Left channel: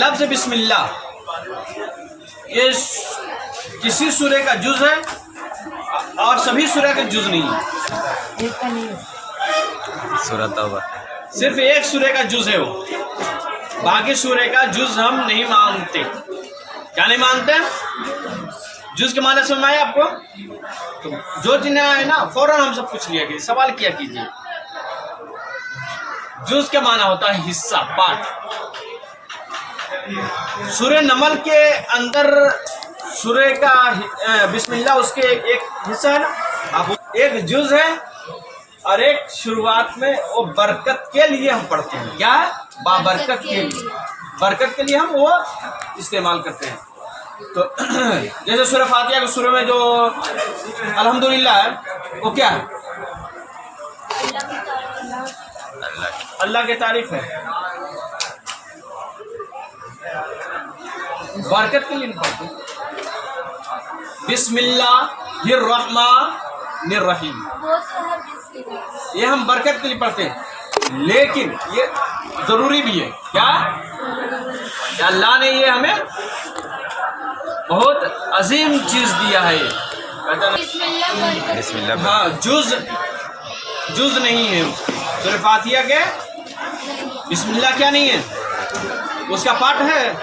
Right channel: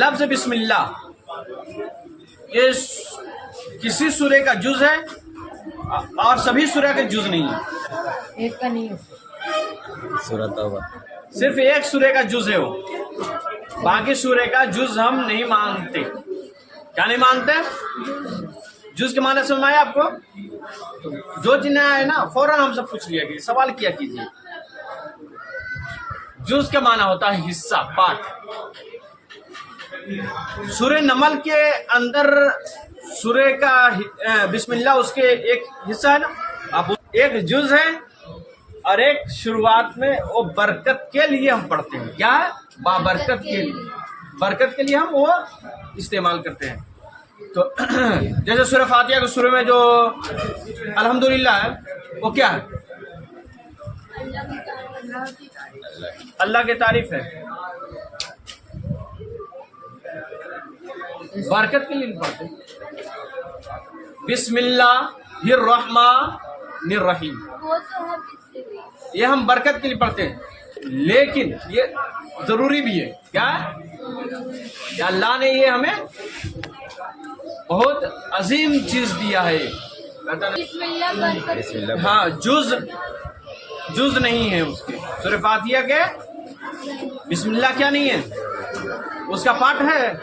लफ्ज बिस्मिल्लाह ये किसी सूरे का जुज है और सभी सूरे का जुज नहीं है। ایک کا نہیں ہے. سورۃ توبہ. सिर्फ एक सूरे का जुज है वो, बाकी सूरे का जुज हम नहीं मानते. क्या नहीं मानते? जुज के माने समझ में आया आपको? तो जो जिन्हें है ना फौरन हमसे पूछ लिया कि सवाल किया कीजिए. जुज का माना होता है हिस्सा, पार्ट. सूरे नमल के अंदर सूरे का बिस्मिल्लाह उसके एक हिस्सा है ना, आप एक जुज है और एक शुरुआत में वो बरकत के लिए हम पढ़ते हैं. क्या है? बाबरकत के लिए, बरकत के लिए हम वो इस्तेमाल करते हैं. तो जैसे सूरह फातिहा के शुरू में जो अल्हम्दुलिल्लाह है वो क्या है? अल्लाह की तारीफ है, बरकत के लिए नहीं पढ़ते. बिस्मिल्लाहिर्रहमानिर्रहीम ये हम बरकत के लिए पढ़ते हैं, लेकिन ये जरूरी भी है. क्या? कि अल्लाह ने ये हमें बहुत अजीम चीज दिया है. बिस्मिल्लाह. हाँ, जुज नहीं है उसके. सूरह फातिहा के बिस्मिल्लाह क्या नहीं है? उसका पाठ है?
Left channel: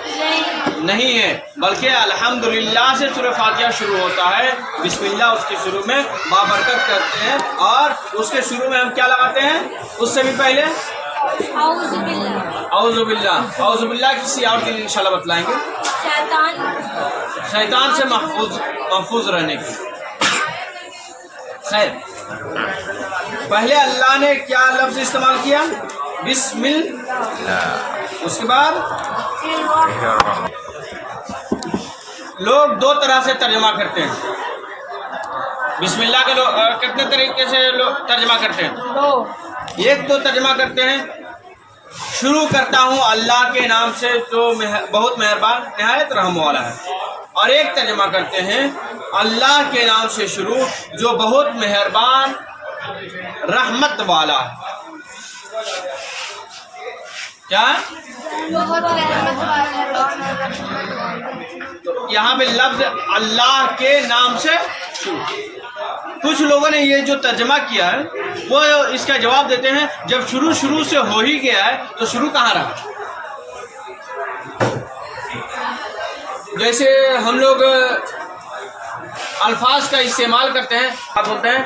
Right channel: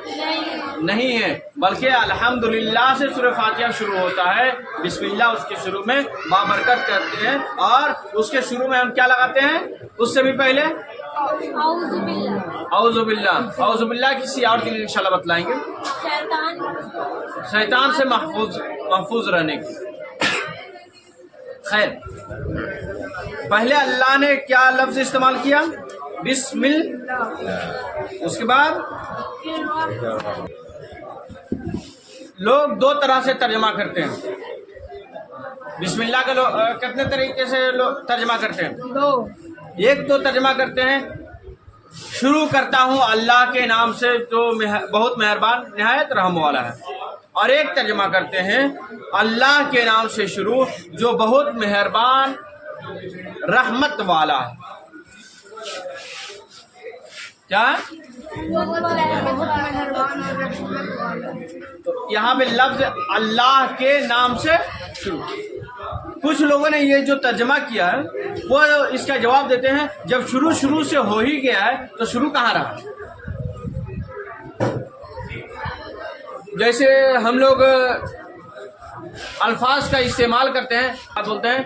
नहीं है, बल्कि अल्हम्दुलिल्लाह से सूरह फातिहा शुरू होता है. बिस्मिल्लाह उसके शुरू में बाबरकत करते हैं और उसके शुरू में हम क्या लगाते हैं? उससे भी पहले औज़ुबिल्लाह किसी और के लिए इंशाल्लाह बतलाएंगे. शैतान से महफूज रहने की. खैर, पहले अल्लाह ने क्या लफ्ज इस्तेमाल किया? बिस्मिल्लाह. उसके बाद लोग दो तरह से तर्जमा करते हैं. बिस्मिल्लाह के लोग कितने तरीके से लोग तर्जमा करते हैं? एक तो तर्जमा करते हैं शुरू करता हूँ अल्लाह के नाम से जो बहुत मेहरबान निहायत रहम वाला है, और एक तर्जमा करते हैं अल्लाह के नाम से शुरू जो बहुत मेहरबान रहमत वाला है. क्या? तो यहाँ पे लफ्ज अल्लाह के नाम से शुरू. कुछ लोगों ने ये जो तर्जमा किया है वो इसका जवाब देते हैं जब शुरू से हो ही गया है तो शुरू कहाँ रहा. जैसे हम लोग अल्फाज का इस्तेमाल करते हैं, आप बोलते हैं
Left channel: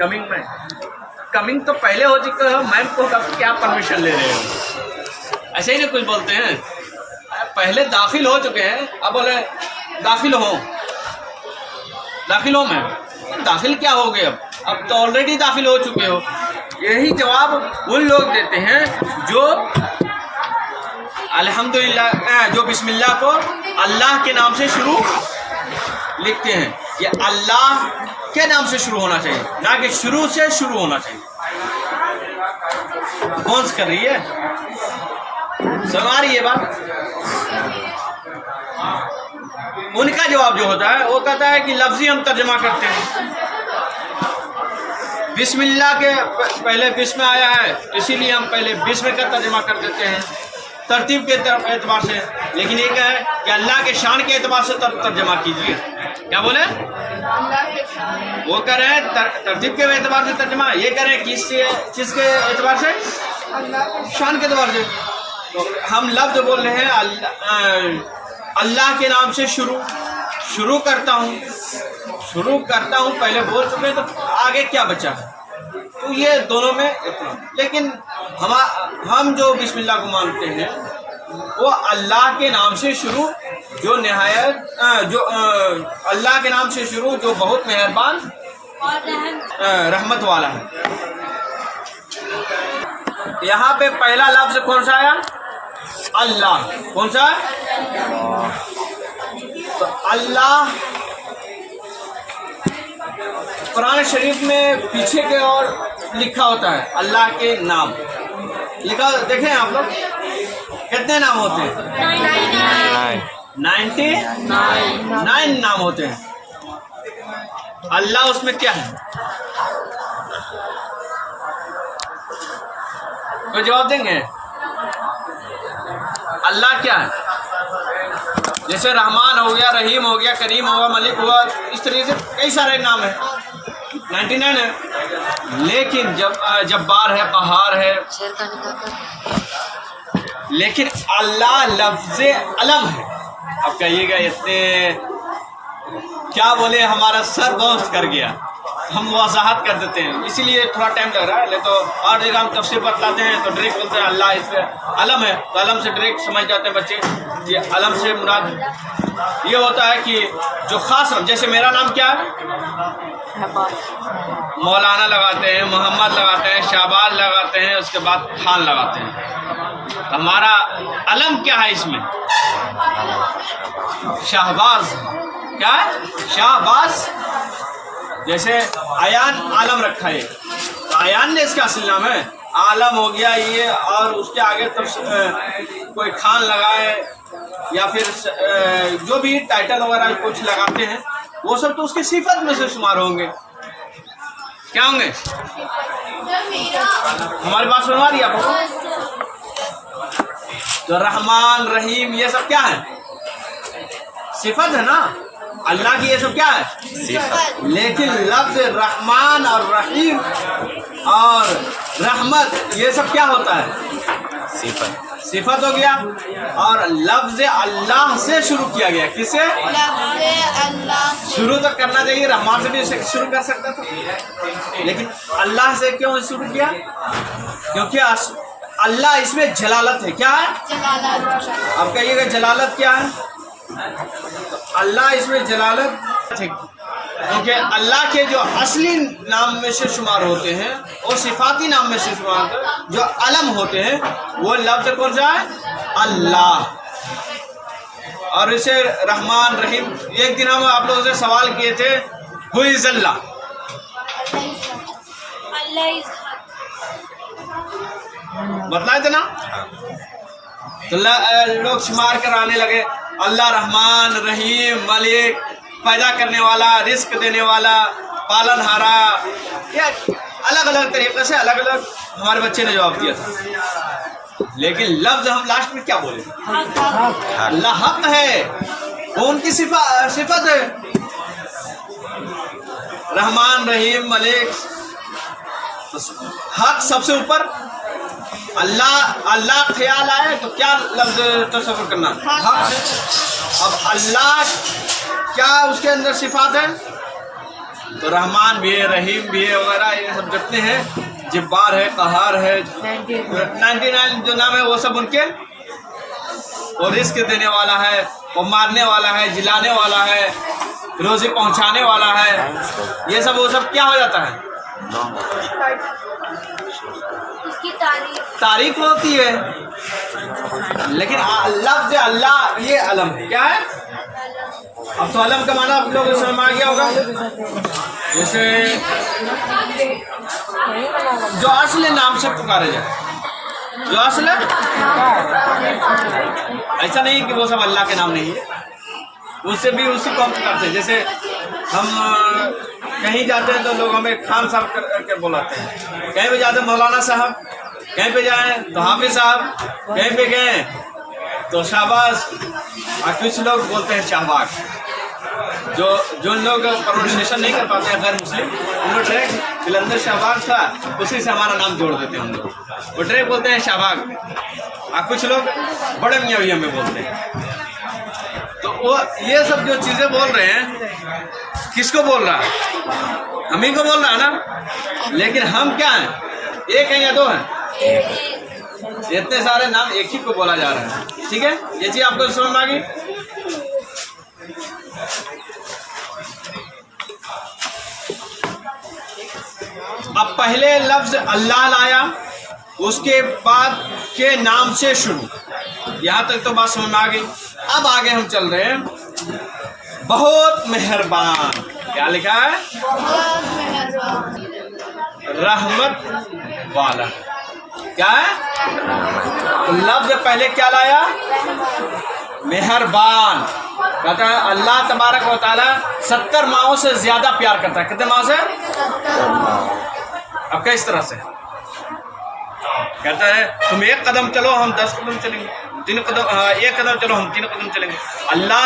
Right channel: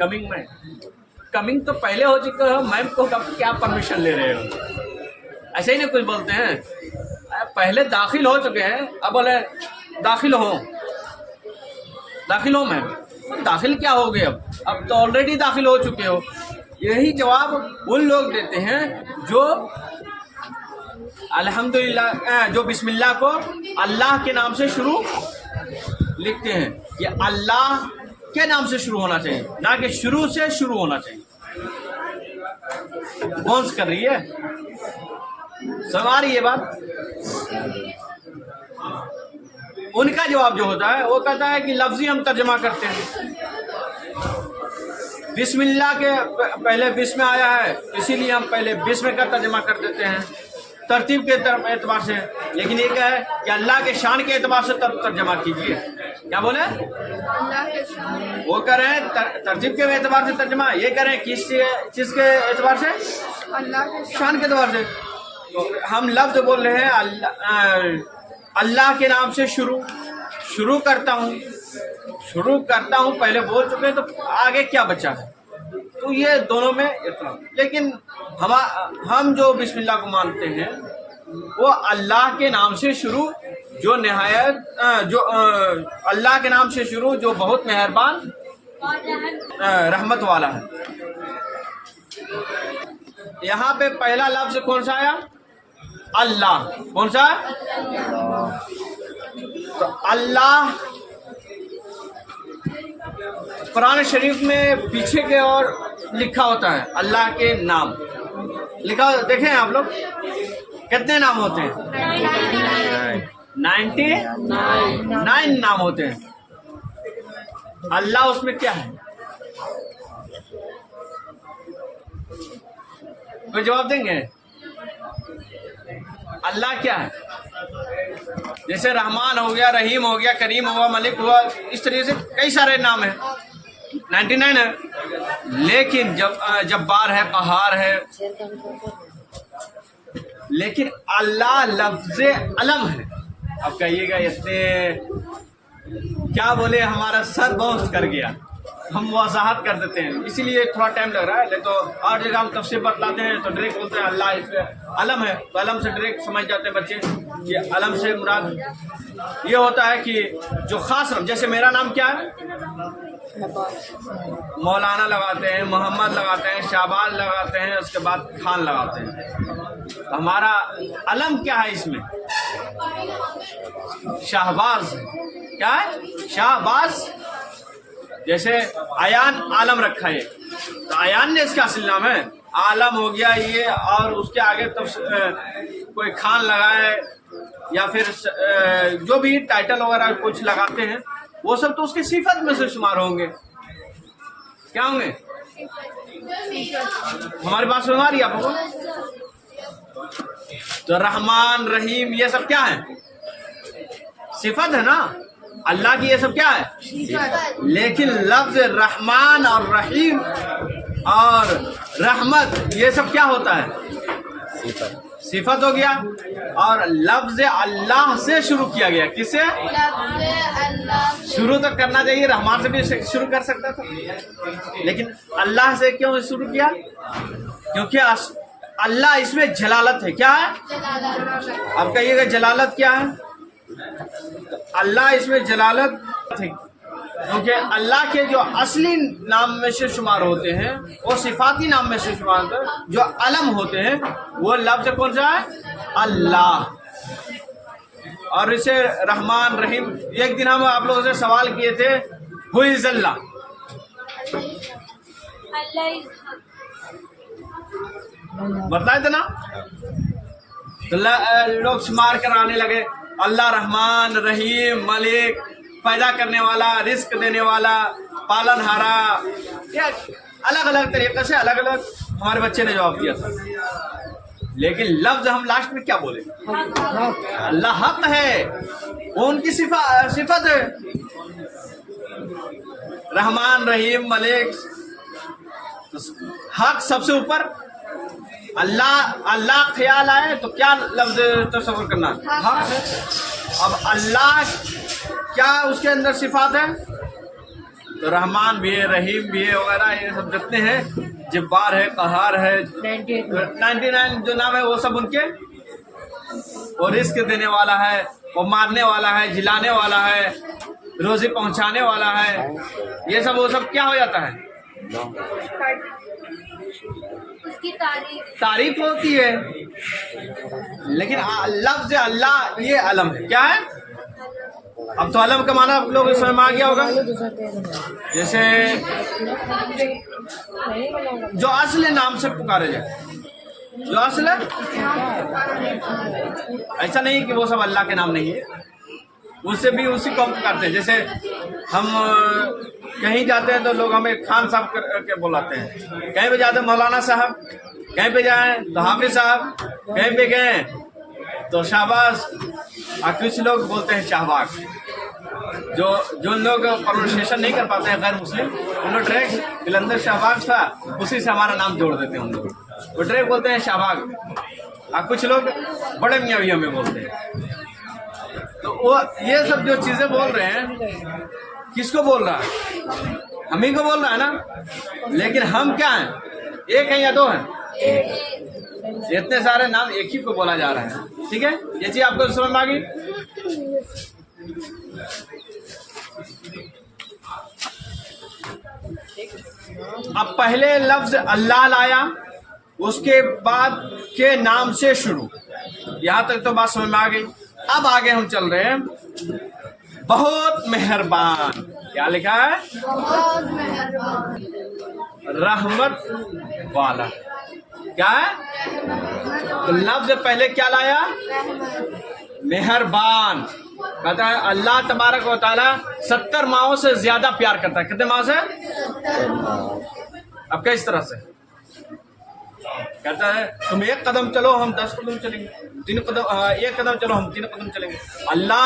कमिंग में. कमिंग तो पहले हो चुका है, मैम को क्या परमिशन ले रहे हो? ऐसे ही ना कुछ बोलते हैं. पहले दाखिल हो चुके हैं, अब बोले दाखिल हो मैम. दाखिल क्या हो गए? अब तो ऑलरेडी दाखिल हो चुके हो. यही जवाब उन लोग देते हैं जो अल्हम्दुलिल्लाह जो बिस्मिल्लाह को अल्लाह के नाम से शुरू लिखते हैं. ये अल्लाह के नाम से शुरू होना चाहिए, ना कि शुरू से शुरू होना चाहिए. कौन कर रही है? समझ आ रही है बात? उनका जवाब जो होता है वो कहता है कि लफ्जी हम तर्जमा करते हैं. बिस्मिल्लाह के पहले बिस्म आया है, इसीलिए हम पहले बिस्म का तर्जमा कर देते हैं तरतीब के एतबार से. लेकिन ये क्या है कि अल्लाह के शान के एतबार से तर्जमा कीजिए. क्या बोले? वो कह रहे हैं तरतीब के एतबार से तर्जमा, ये कह रहे हैं किस के एतबार से? शान के एतबार से. तो हम लफ्ज बोल रहे हैं अल्लाह के नाम से शुरू करता हूँ पहले बोल चुके हैं, तो आगे क्या बचा है? तो ये दोनों में इतना. लेकिन हम जो बिस्मिल्लाह को मानते हैं वो अल्लाह के नाम से शुरू जो निहायत जो अल्लाह के नाम से शुरू जो बहुत मेहरबान रहमत वाला है. यहाँ पे पहला लफ्ज कौन सा आया? अल्लाह. कौन सा? तो अल्लाह कुरान शरीफ में पीछे के ओर लिखा होता है अल्लाह के नाम लिखा. देखें आप लोग कितने नाम होते हैं? 99 नाम होते हैं. अल्लाह उसमें क्या है? कोई जवाब देंगे? اللہ کیا ہے؟ جیسے رحمان ہو گیا، رحیم ہو گیا، کریم ہوا، ملک ہوا، اس طریقے سے کئی سارے نام ہیں، 99 ہے. لیکن جبار ہے، قہار ہے، لیکن اللہ لفظ علم ہے. اب کہیے گا اتنے کیا بولے، ہمارا سر باؤنس کر گیا. ہم وضاحت کر دیتے ہیں، اسی لیے تھوڑا ٹائم لگ رہا ہے. نہیں تو اور جگہ ہم تفسیر بتلاتے ہیں تو ڈائریکٹ بولتے ہیں اللہ اس پہ علم ہے، تو علم سے ڈائریکٹ سمجھ جاتے ہیں بچے. یہ علم سے مراد یہ ہوتا ہے کہ جو خاص نام، جیسے میرا نام کیا ہے، مولانا لگاتے ہیں، محمد لگاتے ہیں، شہباز لگاتے ہیں، اس کے بعد خان لگاتے ہیں. ہمارا علم کیا ہے اس میں؟ شہباز. کیا ہے؟ شہباز. جیسے ایان عالم رکھا ہے تو ایان نے اس کا اصل نام ہے، عالم ہو گیا یہ، اور اس کے آگے تو کوئی خان لگائے یا پھر جو بھی ٹائٹل وغیرہ کچھ لگاتے ہیں وہ سب تو اس کی صفت میں سے شمار ہوں گے. کیا ہوں گے؟ ہماری بات سنوا رہی آپ کو؟ تو رحمان، رحیم، یہ سب کیا ہے؟ صفت ہے نا. اللہ کی یہ سب کیا ہے؟ صفت. لیکن لفظ رحمان اور رحیم اور رحمت یہ سب کیا ہوتا ہے؟ صفت. صفت ہو گیا. اور لفظ اللہ سے شروع کیا گیا. کس سے؟ لفظ اللہ. شروع تک کرنا چاہیے، رحمان سے بھی شروع کر سکتا تھا، لیکن اللہ سے کیوں شروع کیا؟ کیونکہ اللہ اس میں جلالت ہے. کیا ہے؟ جلالت. اب کہیے گا جلالت کیا ہے؟ تو اللہ اس میں جلالت ہے کیونکہ اللہ کے جو اصلی نام میں سے شمار ہوتے ہیں اور صفاتی نام میں سے شمار ہوتے ہیں، جو علم ہوتے ہیں، وہ لفظ کون سا ہے؟ اللہ. اور اسے رحمان، رحیم. ایک دن ہم آپ لوگوں سے سوال کیے تھے ہو از اللہ. بتلائے تھے نا؟ تو لوگ شمار کرانے لگے، اللہ رحمان، رحیم، ملک، پیدا کرنے والا، رزق دینے والا، پالن ہارا. یہ الگ الگ طریقے سے الگ الگ ہمارے بچے نے جواب دیا تھا. لیکن لفظ ہم لاسٹ میں کیا بولے؟ اللہ حق ہے، وہ ان کی صفت ہے. رحمان، رحیم، ملک، حق سب سے اوپر. اللہ خیال آئے تو کیا لفظ تصور کرنا؟ حق ہے. اب اللہ کیا اس کے اندر صفات ہیں؟ تو رحمان بھی ہے، رحیم بھی ہے، وغیرہ یہ سب جتنے ہیں، جبار ہے، قہار ہے، 99 جو نام ہے وہ سب ان کے. اور رزق دینے والا ہے، وہ مارنے والا ہے، جلانے والا ہے، روزی پہنچانے والا ہے. یہ سب وہ سب کیا ہو جاتا ہے؟ اس کی تعریف ہوتی ہے. لیکن لفظ اللہ یہ علم ہے. کیا ہے؟ اب تو علم کا معنی آپ لوگوں کو سمجھ میں آ گیا ہوگا. جیسے جو اصل نام سے پکارے جائے، جو اصل ہے، ایسا نہیں کہ وہ سب اللہ کے نام نہیں ہے، اس سے بھی اسی کو ہم کرتے ہیں. جیسے ہم کہیں جاتے ہیں تو لوگ ہمیں خان صاحب کر کے بلاتے ہیں، کہیں پہ جاتے ہیں مولانا صاحب، کہیں پہ جائیں تو حافظ صاحب، کہیں پہ گئے تو شہباز، اور کچھ لوگ بولتے ہیں شہباز. جو لوگ پروننسیشن نہیں کر پاتے ہیں غیر مسلم، ان لوگ ڈائریکٹ جلندر شہباز تھا اسی سے ہمارا نام جوڑ دیتے ہیں. ہم لوگ وہ ڈائریکٹ بولتے ہیں شہباز، اور کچھ لوگ بڑے میاں بھی ہمیں بولتے ہیں. تو وہ یہ سب جو چیزیں بول رہے ہیں، کس کو بول رہا ہے؟ ہم ہی کو بول رہا ہے نا. لیکن ہم کیا ہیں؟ ایک ہیں یا دو ہیں؟ اتنے سارے نام ایک ہی کو بولا جا رہا ہے. ٹھیک ہے، یہ چیز آپ کو سمجھ میں آ گئی. اب پہلے لفظ اللہ لایا، اس کے بعد کے نام سے شروع. یہاں تک تو بات سمجھ میں آ گئی. اب آگے ہم چل رہے ہیں. بہت مہربان. کیا لکھا ہے؟ بہت مہربان. رحمت والا. کیا ہے؟ تو لفظ پہلے کیا لایا؟ مہربان. کہتا ہے اللہ تبارک و تعالیٰ 70 ماہوں سے زیادہ پیار کرتا ہے. کتنے ماہ سے؟ 70 ماہ. اب کس طرح سے؟ کہتا ہے تم 1 قدم چلو، ہم 10 قدم چلیں گے. तीन कदम एक कदम चलो हम तीन कदम चलेंगे। अल्लाह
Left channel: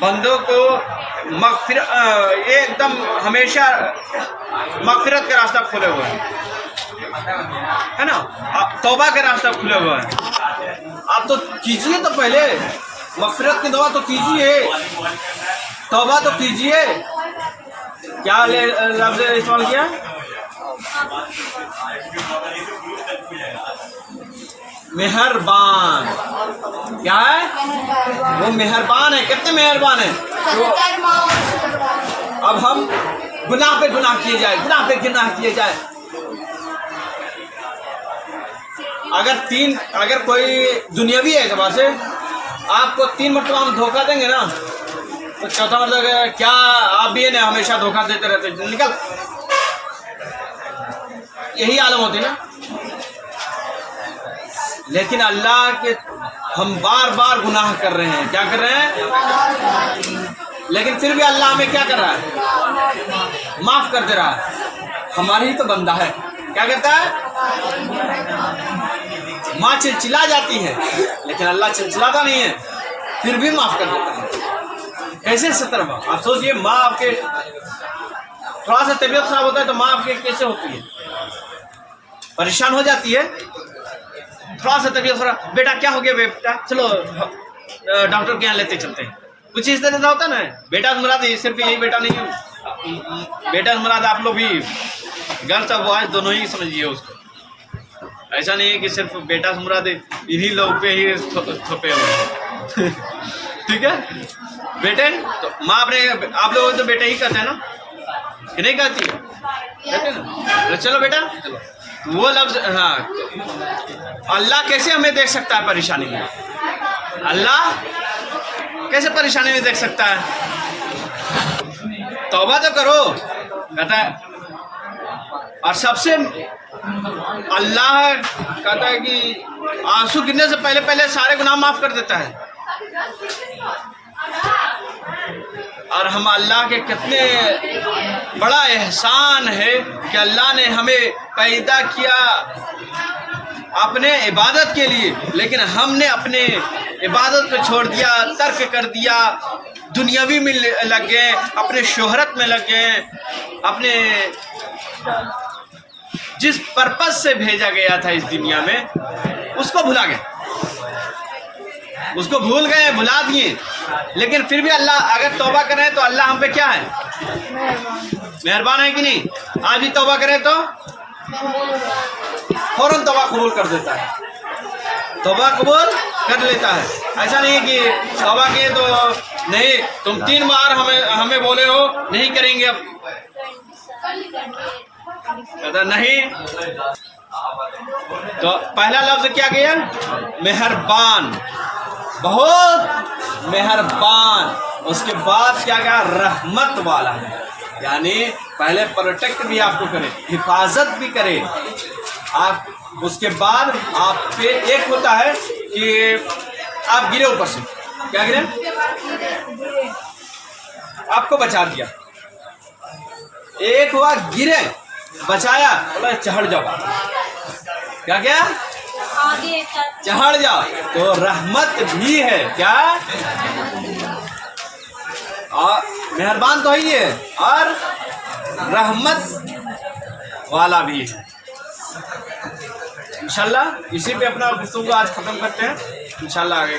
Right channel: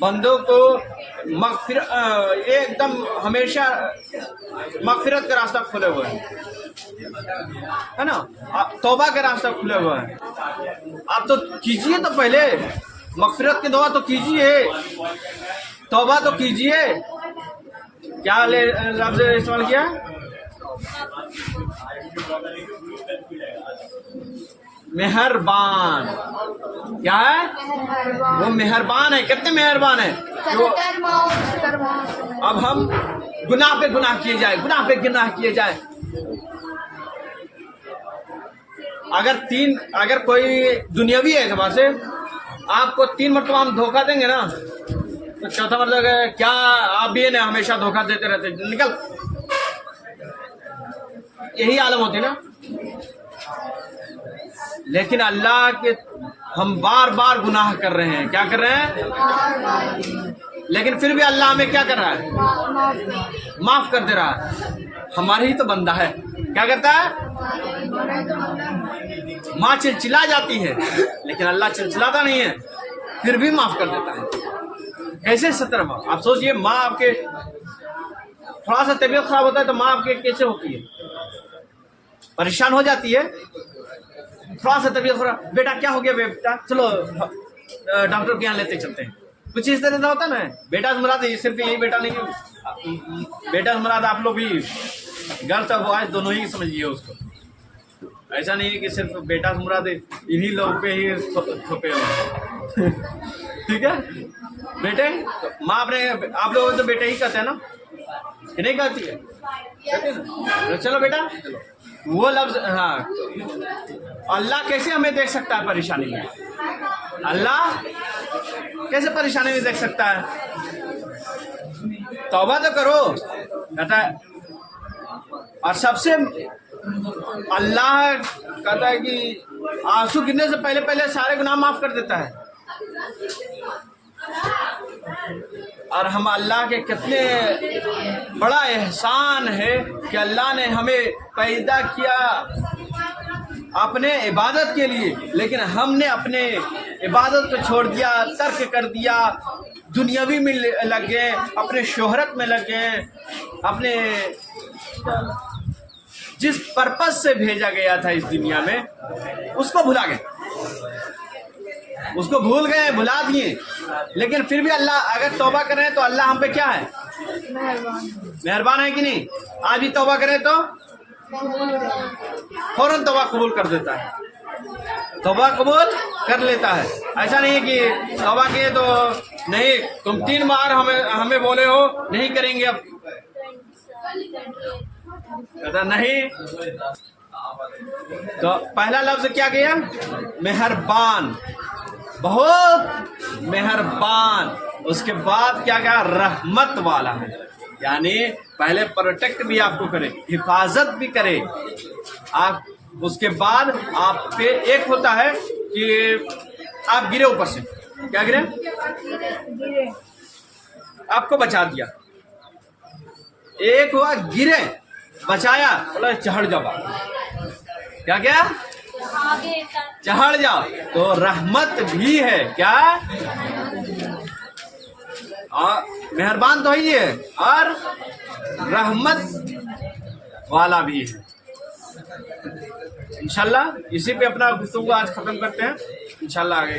बंदों को एकदम हमेशा मगफिरत का रास्ता खोले हुए है ना, तौबा का रास्ता खुले हुआ है। आप तो कीजिए, तो पहले मगफिरत की दुआ तो कीजिए, तौबा तो कीजिए। क्या लफ्ज़ इस्तेमाल किया? मेहरबान। क्या है वो? मेहरबान है। कितने मेहरबान है? तो अब हम गुनाह पे गुनाह किए जाए, गुनाह पे गुनाह किए जाए। अगर कोई दुनियावी है एतबार से आपको 3 मरतबा हम धोखा देंगे ना, तो चौथा मतलब क्या आप भी है ना हमेशा धोखा देते रहते, निकल, यही आलम होती है ना। लेकिन अल्लाह के हम बार बार गुनाह कर रहे हैं, क्या कर रहे हैं, लेकिन फिर भी अल्लाह हमें क्या कर रहा है, माफ कर दे रहा है। हमारी ही तो बंदा है, क्या करता है, माँ चिलचिला जाती है लेकिन अल्लाह चिलचिलाता नहीं है, फिर भी माफ कर देता है। कैसे 17 माँ? आप सोचिए, माँ आपके थोड़ा सा तबीयत खराब होता है तो माँ आपके कैसे होती है, परेशान हो जाती है। थोड़ा सा तबीयत खराब, बेटा क्या हो गया बेटा, चलो डॉक्टर के यहाँ लेते चलते हैं, कुछ इस तरह का होता ना। बेटा मुराद सिर्फ यही बेटा नहीं है, बेटा मुराद आप लोग भी गर्ल्स और बॉयज दोनों ही समझिए उसको। ऐसा नहीं है कि सिर्फ बेटा मुराद इन्हीं लोग पे ही थोपे हुए हैं। ठीक है बेटे, तो माँ अपने आप लोग तो बेटे ही कहते हैं ना, कि नहीं कहती है, कहते हैं ना। तो चलो बेटा चलो, वो लफ्ज, हाँ, अल्लाह कैसे हमें देख सकता है परेशानी में? अल्लाह कैसे परेशानी में देख सकता है? तौबा तो करो, कहता है। और सबसे अल्लाह कहता है कि आंसू गिरने से पहले पहले सारे गुनाह माफ कर देता है। और हम अल्लाह के कितने बड़ा एहसान है कि अल्लाह ने हमें पैदा किया अपने इबादत के लिए, लेकिन हमने अपने इबादत को छोड़ दिया, तर्क कर दिया, दुनियावी में लग गए, अपने शोहरत में लग गए, अपने जिस पर्पस से भेजा गया था इस दुनिया में उसको भुला गए, उसको भूल गए, भुला दिए। लेकिन फिर भी अल्लाह अगर तौबा करें तो अल्लाह हम पे क्या है, मेहरबान है कि नहीं? आज भी तौबा करें तो फौरन तौबा कबूल कर देता है, तौबा कबूल कर लेता है। ऐसा नहीं है कि तौबा किए तो नहीं, तुम 3 बार हमें बोले हो नहीं करेंगे, अब कहता नहीं। तो पहला लफ्ज क्या किया, मेहरबान, बहुत मेहरबान। उसके बाद क्या कहा, रहमत वाला है, यानी पहले प्रोटेक्ट भी आपको करे, हिफाजत भी करे आप। उसके बाद आप पे एक होता है कि आप गिरे ऊपर से, क्या गिरे, आपको बचा दिया। एक हुआ गिरे, बचाया, बोला चढ़ जाओ, क्या क्या आगे चढ़ जाओ, तो रहमत भी है, क्या, और मेहरबान तो ही है और रहमत वाला भी है। इंशाल्लाह इसी पे अपना गुफ्तगू आज ख़त्म करते हैं, इंशाल्लाह आगे